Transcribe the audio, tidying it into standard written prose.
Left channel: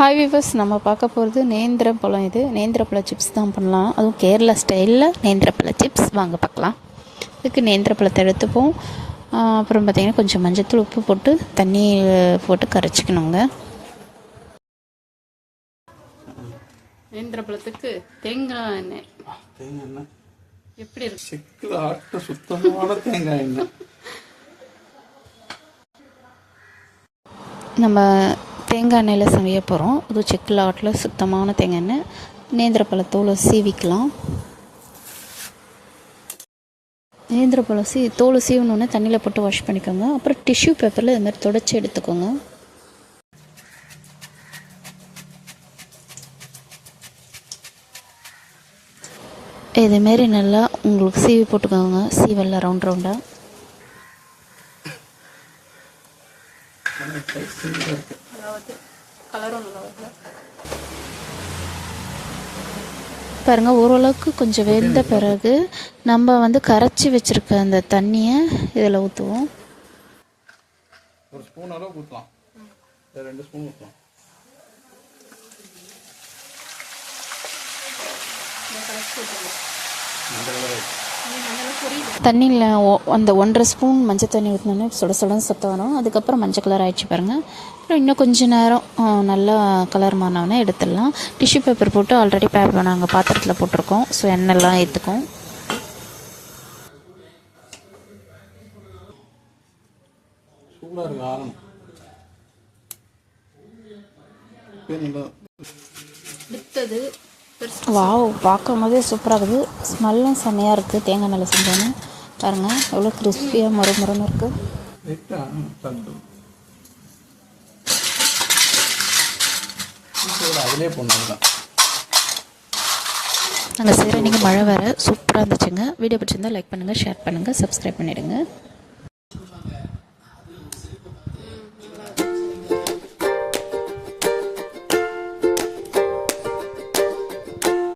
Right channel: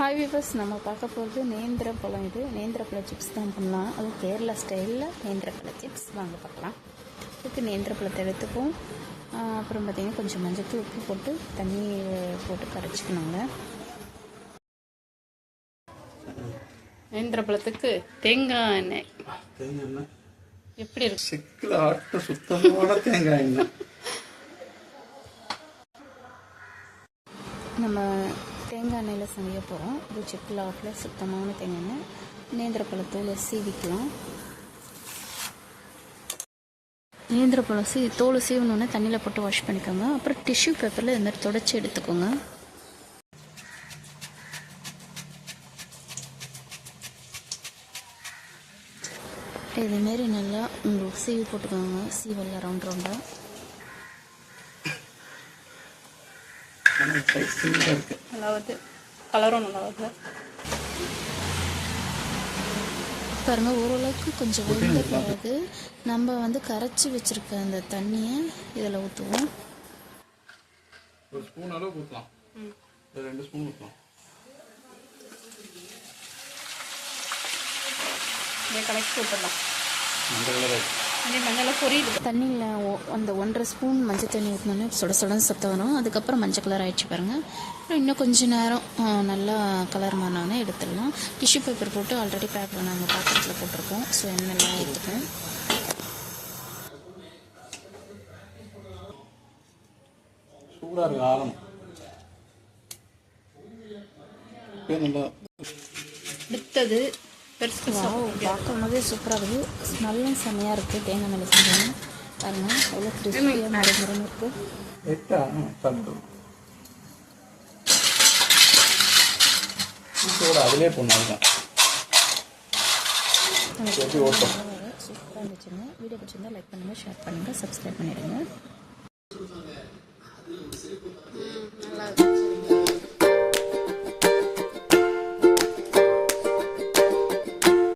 Hi viewers, நம்ம பார்க்க போகிறது நேந்திர பழம். இது நேந்திர பழ சிப்ஸ் தான் பண்ணலாம். அதுவும் கேரளா ஸ்டைலில் நேந்திர பழ சிப்ஸ். வாங்க பார்க்கலாம். இதுக்கு நேந்திர பழத்தை எடுத்துப்போம். அப்புறம் பார்த்திங்கன்னா கொஞ்சம் மஞ்சத்தூள், உப்பு போட்டு தண்ணி போட்டு கரைச்சிக்கணுங்க. நேந்திர பழத்துக்கு தேங்காய் எண்ணெய் எப்படி இருக்கு? சுத்தமான தேங்காய் எண்ணெய். நம்ம தேங்காய் எண்ணெயில் சமைய போகிறோம். அது செக்கில் ஆட்டில் சுத்தமான தேங்காய் எண்ணெய். நேந்திர பழத்தோலை சீவிக்கலாம். நேந்திர பழம் தோலை சீவணுன்னே தண்ணியில் போட்டு வாஷ் பண்ணிக்கோங்க. அப்புறம் டிஷ்யூ பேப்பரில் இது மாதிரி துடைச்சி எடுத்துக்கோங்க. இதுமாரி நல்லா உங்களுக்கு சீவி போட்டுக்கோங்க. சீவெல்லாம் ரவுண்ட் ரவுண்டாக. பாருங்கள், ஓரளவுக்கு கொஞ்சம் வெந்த பிறகு நம்ம கரைச்சி வச்சுருக்க அந்த தண்ணியை இதில் ஊற்றுவோம். ஒரு ஸ்பூன் அளவு ஊற்றலாம், 2 ஸ்பூன் ஊற்றலாம். தண்ணியில் அந்த 1.5 ஸ்பூன் மஞ்சள் தண்ணி ஊற்றினோன்னே சுட சுடன்னு சத்தம் வரும். அதுக்கப்புறம் மஞ்சள் கலர் ஆகிடுச்சு பாருங்கள். அப்புறம் இன்னும் கொஞ்சம் நேரம் நல்லா கலர் மாறினோன்னே எடுத்துடலாம். டிஷ்யூ பேப்பர் போட்டு ஆல்ரெடி பேக் பண்ணாங்க, பாத்திரத்தில் போட்டிருக்கோம். ஸோ எண்ணெய்லாம் ஏற்றுக்கும். சூடாக இருக்கு, ஆரணும். அடுத்தது வாவ், பார்க்கும் போதே சூப்பராக இருக்குது. ஸ்மெல்லும் செம்மையாக இருக்குது. தேங்காய் எண்ணெயில் செஞ்சோன்னு பாருங்கள் எவ்வளோ கிறிஸ்பியாக மறுமுறைன்னு இருக்குது. நாங்கள் செய்கிற நீங்கள் மழை வேறு சூப்பராக இருந்துச்சுங்க. வீடியோ பிடிச்சிருந்தால் லைக் பண்ணுங்கள், ஷேர் பண்ணுங்கள், சப்ஸ்கிரைப் பண்ணிவிடுங்க.